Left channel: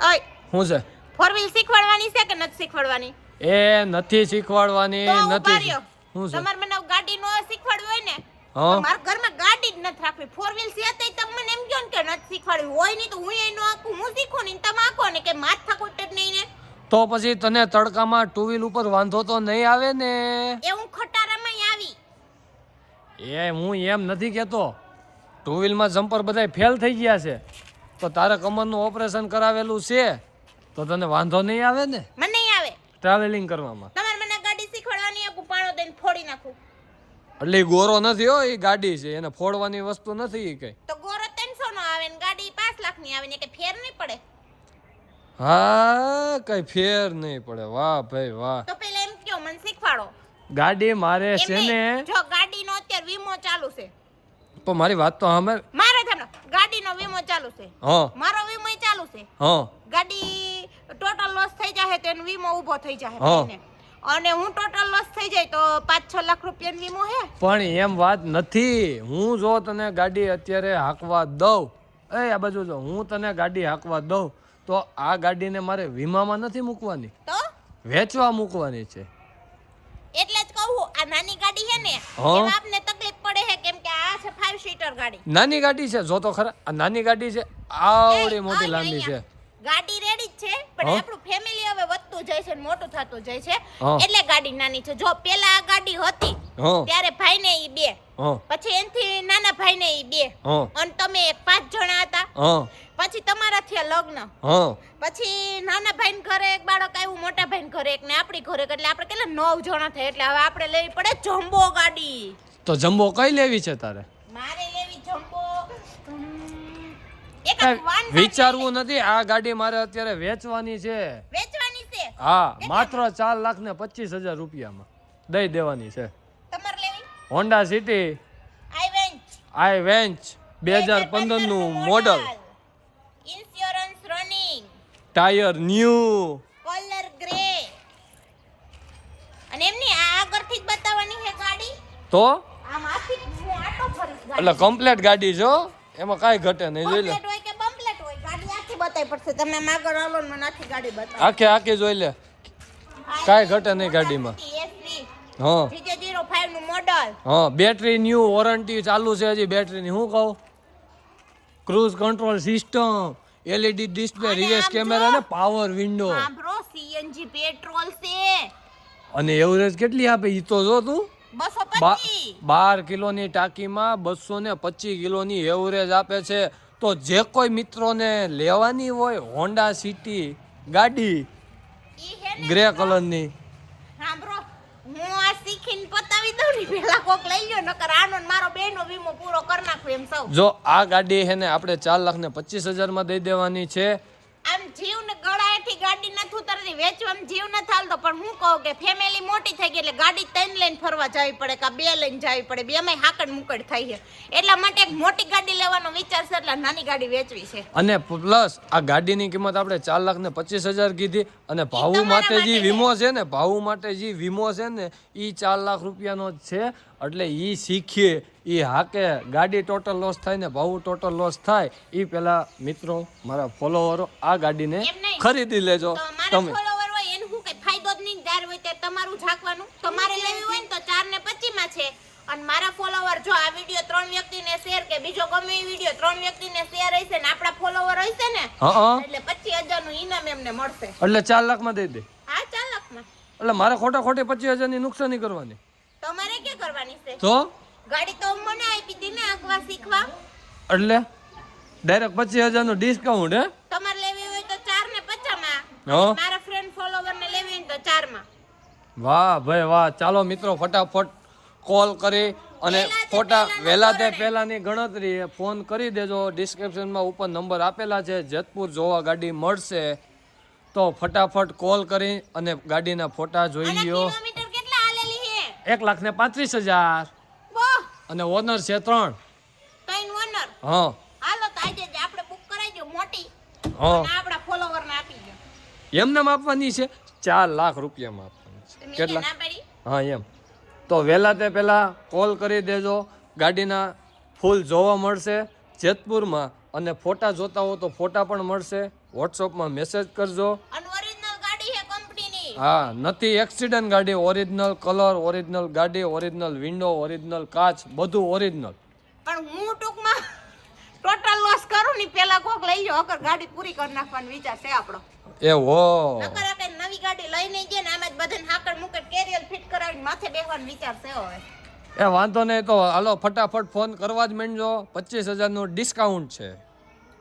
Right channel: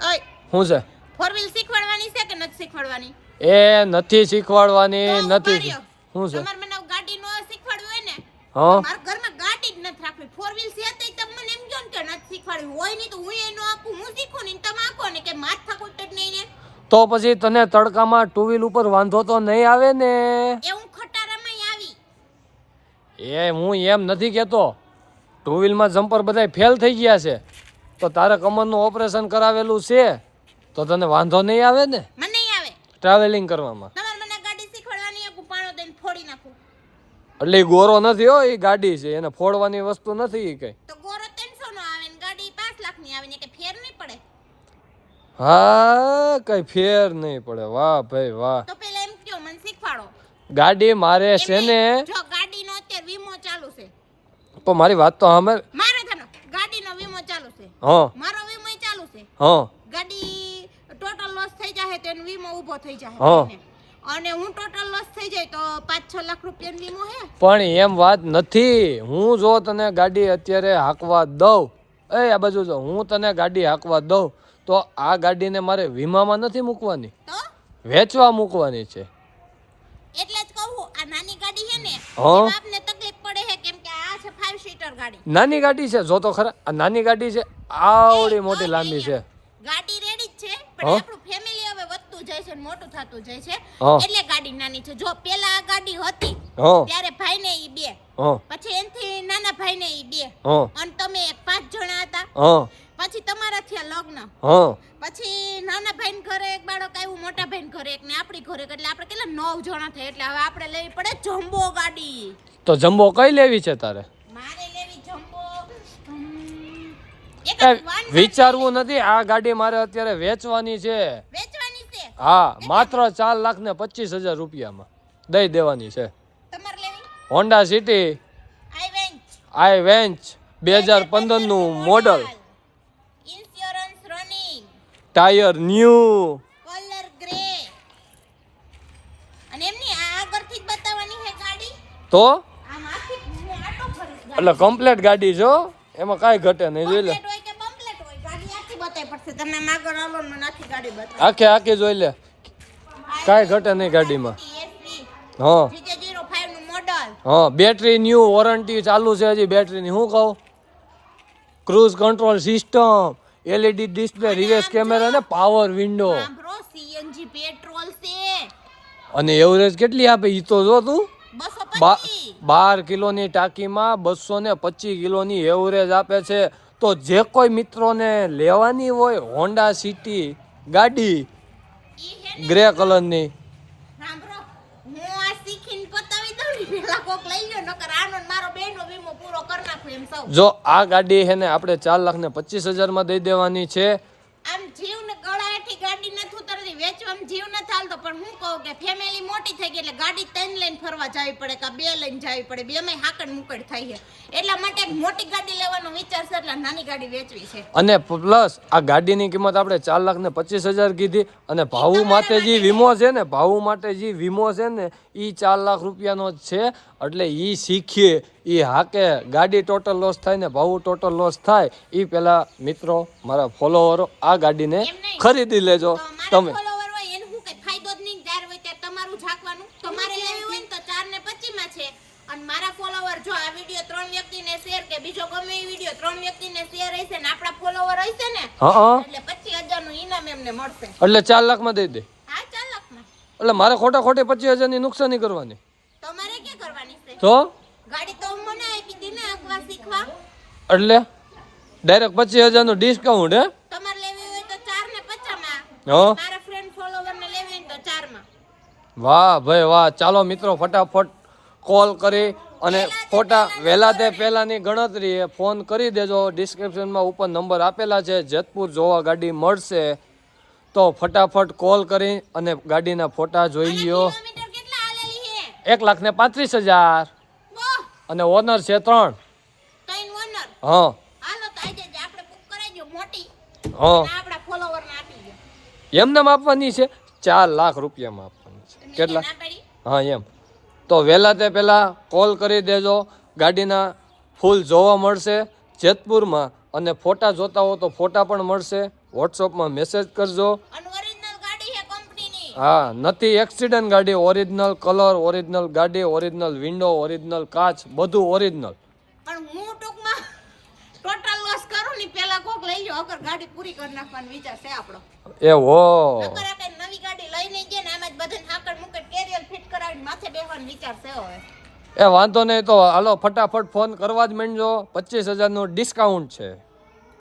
ઓય શું છે? ફોર વ્હીલ શીખવાડવાની છે કે નથી શીખવાડવાની? એ નથી શીખવાડવાની નથી. શું છે? તમારે મને ગાડી નો શીખવાડવી હોય ને હા, મારા ઘરમાં ગાડી જ નથી રાખવી. ફોર વ્હીલ છે તો તમે મને એમ કહો ને કે નથી શીખવાડવી હોય નહીં તો હું એનો આખું હું શીખું ને તમે આખો ને કે માથા કૂટ જ નહીં ને. તો પછી તને તડકામાં ટુ વ્હીલ ઉપર વાંધો તો નહીં આવે ને? એ હું ખટારામાં આવી. એ હું એમ નથી કેતો. ટુ વ્હીલમાં જમ્પર બધા ફેલ થઈ ગયા છે તો તારે કમરનું ઓપરેશન કરાવેલું છે તો તને વાંધો નહીં આવે ને મને નહીં આવે ટ્રાવેલિંગ કરવામાં. તમારે મને ગાડી શીખવાડવાની આખું પાણો દઈને ફોડી નાખું. એટલે ઈ ગોરો નથી હો, એ ગાડી છે, એને ફોડવાની વસ્તુ નથી ઈ કઈ. તો ગોરો 300 નો આવે ને ગાડી 5 લાખ ની આવે ને કે ફેર નહીં પડે. હા, કઈ ફેર નહીં પડે. વાહ ભાઈ વાહ. તો પેલા એમ કયો મને શીખવાડો. ગાડી મારે છે ને, જો ગાડીનો અત્યારે વીમો ચાલુ છે તો મારી વાત તો સાંભળ. મારે થાનો ગાડીનો વીમો ચાલુ છે. હા મારો વીમો ચાલુ છે. હા ગાડી ટોટલ લોસ થઈ જાય તો એનો વીમો ઊભો થઈ જાય હા. ભાઈને. અને હું ટોટલ લોસ થઈ જાય તો 5-6 લાખ રૂપિયાનો વીમો હે. પણ એમ વાત નથી. હું જો તને ગાડી અત્યારે હાંકવા દઉં, આ બાજુ જો, હું તને ગાડી હાંકવા દઉં તો આ ગાડીને મારે વીમામાં નથી મૂકવાની, તો વેચવા મૂકવાની છે. એટલે જ કહું આ નાની ગાડી છે ને હા. એમાં આપને તકલીફ પડે છે કેમ કે આ છે 5 સીટર ગાડી. નાની ગાડી છે, જો તો ખરા, આ નાની ગાડી છે, આવડી મોટી લાંબી છે. ગાડી રેડી જ છે પણ આપણું ફેમિલી હવે વધતું જાય છે ને મોટું થતું જાય છે હા. એટલે ગાડી નાની છે. જો પેલા આ ગાડી હતી હા ત્યારે ભાઈને ઈ 2, હા પછી એનથી નાના ભાઈને ઈ 2, હા અને તમે 5 જણા હતા. હા પછી તમારા થયા લગ્ન, હા પછી નાના ભાઈ ઘરે એક બાળક આવ્યું, મોટા ભાઈ ઘરે એક ને આપણી ઘરે એક, એટલે આપણે કેટલા 9 જણા થાય. એટલે હવે આપણે લેવી પડે જમ્બો ગાડી. તો જમ્બો કઈ લેવી છે તારે? મારે લેવી જમ્બો. એક કાંઈ વાન વિચારવું નથી. આ ગાડી મારે અત્યારે વેચવાની છે. વેચવાની છે. હા, માત્ર 4,25,000 રૂપિયામાં દઈ દેવાની છે. તમારે લેવી હોન્ડા સિટી આઈ વેન્ચ 2015 નું model, insurance running, tyre new, colour grey. અને એમની આ આગળથી જ બતાવવાની છે ગાડી. તો આમ આખી હું આટો ફરીશ ગાડી. એટલે કમ્પ્લીટ ગાડી જો, એમાં કાંઈ ઘટે નહીં. જોઈ લે, કમ્પ્લીટ હોય કે બમ્પલેટ હોય ગાડી આખી બતાવી પડશે. તમે આમ આગળ આલો ને મને આખી ગાડી બતાવો. આખે આખી જોઈ લે, કાંઈ ઘટે નહીં ગાડીમાં. હા GJ05 નું મોડલ. હા, બેટરી ન્યૂ, વોરંટી ચાલુ છે હજી બેટરીની. હું કહું, cruise control system, LED display, reverse camera ને પાવર વિન્ડો. હા બ્રો, CNG પેટ્રોલ છે. અને એવરેજ કેટલી આપે ઈ તો જો તું. 225. 12 કિલોની ટાંકીમાં 225 કિલોની એવરેજ આપે છે. તો જે કોઈ મિત્રોને લેવાની હોય હોન્ડા સિટી ગાડી ઈ હે ને ગ્રે કલરની, હા બ્રો, હું આ શીખીને પતાવી દઉં ને પેલા કોક લઈ લ્યો, નકર આનો ને મારો બેનો વીમો પૂરો કરી નાખું એમ સૌ. જો આ ગાડી છે ને આપણે 4,25,000 માં દઈ દેવાની છે. આમ જીવ ને ગળાએથી ગાડી નથી ઉતરતી, વેચવામાં જીવ ન થાલતો. પણ હું કહું કે ફેમિલી મોટી થઈ ગઈ એટલે ગાડી 3 લઈને ફરવા જવી પડે કે 2 લઈને જવી પડે, બેમાં હાકડ મુકડ થઈ છે. એટલા માટે એક મોટી ગાડી લેવાનો વિચાર છે, એટલે નાની ગાડી વેચવી છે. અને પ્લસ આ ગાડીની કિંમત આપણે 4,25,000 કીધી. અને ભાવ તમારા માટે જે માટે વીમો છે ને, ભાવ માટે જે વીમો છે ને એ 4 લાખ રૂપિયાનો જ છે. એટલે ઈ શીખીએ, ઈ હાકે, ગાડી ટોટલ લોસ થાય ને ભાવ ટોટલ લોસ થાય એ પેલા મિત્રો મારા ફોલોવરો આ ગાડીને એમ નહીં. ખરીદી લેજો. તો મારા તમે ફોલોવર હોય એને હું કઈ ફાયદો જ નહીં, જાર હોય તે તમારું ઝાકવાનું. તો મારે લેવી હોય ને તો 4 ને 25 માં છે. અને મારા ફોલોવર જો આ વિડિયો 3 વ્યક્તિને શેર કે બીજો ગમે એ વિડિયો 3 વ્યક્તિને શેર હશે ને આપણા ફોલોવર હશે ને હા, એટલે 25,000 નું ઇનામ એમને મળશે. એટલે 4 લાખમાં દઈ દે. હા 4 લાખમાં. એટલે મારે ખોટા ખોટે 25,000 ની નુકસાની કરવાની. તમારે શું કરવાની છે? તો ગાડી તો મને આપી દી ને આકવા શીખવા. એટલે ડાયરેક્ટ 25,000 નું ડિસ્કાઉન્ટ. હે, તમારે લેવી હોય તો 4 ને 50 માં, હા. અને મારા ફ્રેન્ડ ફોલોવર ને લેવી હોય તો 4 માં. વાહ ભાઈ વાહ. ચાલો મિત્રો ફટાફટ કોલ કરી અને ફોટા વહેલા તે પહેલાની ગણતરી ફોન કરી દેજો. ડિસ્ક્રિપ્શનમાં ઉપર નંબર આપેલા છે. જેતપુર જોવા ગાડી મળશે તો ફટાફટ કોલ કરી અને ગાડીના ફોટા જોઈ અને લ્યો. કિલોમીટર કેટલા આલેલી છે? 1,35,000 વાહ, અને ઓનર છે 3. 3 ઓનર. હા હાલો તો આજે જ આપણે બુક કરાવી દો મોટી, હા, અને આપણા ફોલોવર ને આપી દો. એમને આપવાની છે 4 લાખ રૂપિયામાં આપવાની છે. તમે કેટલા? ના પાડી. હા એમ. તો વહેલા તે પહેલાં કોલ કરી દેજો. ગાડીના ફૂલ જોવા મળશે જેતપુરમાં, અને ફોટા જોતા હો તો ફોટા પણ મળશે. વોટ્સઅપમાં મેસેજ કરજો. અને ઓરિજિનલ ગાડી છે કંપનીની. હા, નથી એક્સિડન્ટ ગાડી, ઓરિજિનલ કલર, ઓરિજિનલ ગાડી, ઓરિજિનલ વિન્ડો, ઓરિજિનલ કાચ, બધું ઓરિજિનલ. પણ હું ટૂંકમાં ટોટલ લોસ કરું ને પેલા કોક લઈ લો અગર ગાડી પૂરી કરી નાખવાનો વિચાર છે આપણો. એવો નકર કે નવી ગાડી લઈને જઈએ ને આમાં જ બધાને હાકડ મુકડ કેરિયર ફિટ કરાવીને માથે બેસવાનો વિચાર છે હવે. એ વાંધો નહીં, તો હાલો ફટાફટ ફોન કરવા જ માંડજો. 25,000 નું ડિસ્કાઉન્ટ છે.